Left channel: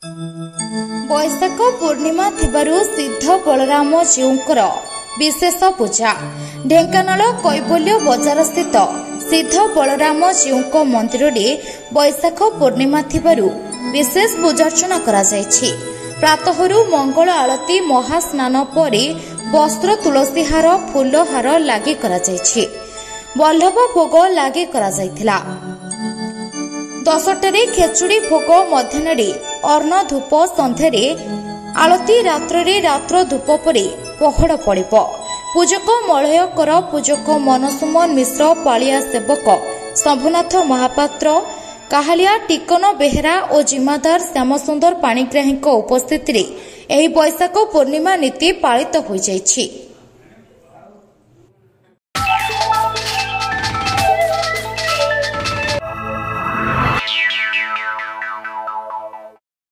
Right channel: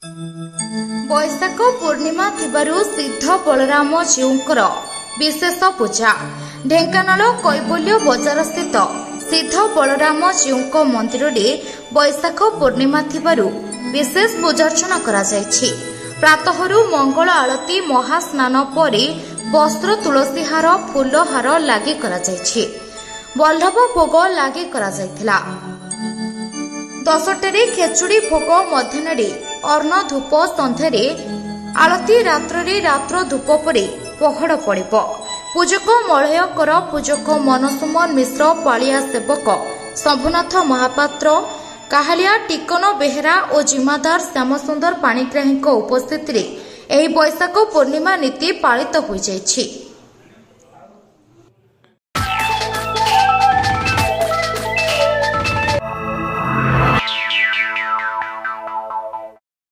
बैशाख पूर्णिमा थिबारु सिद्ध बलराम जीउंकर विशेष पूजा। ढेंकानाल कैबल्य बजार स्थित सिद्ध बलराम जीउंक मंदिर में बैशाख पूर्णिमा थिबारु विशेष पूजार्चना करा जायछि। प्रातहरु मंगल आरती महास्नान परे वस्त्र तुलसी हार फूल हार लागे करा जायछि। वल्लभ भोग लागे करा जायथिला। 10 खेचुड़ी भोग मध्याह्न अर्ण धूप संध्यारे आलती रात्र धूप परे पहड़ पड़िब। पूजक मलयकर पूजक मनसुमन मिश्र पालिया सेवक शंभुनाथ महापात्र काहालिया टिकन बेहेरा और जिम्मादार श्यामसुंदर पाणिग्राही उपस्थित बैशाख पूर्णिमा नीति पालित हो जाइछि।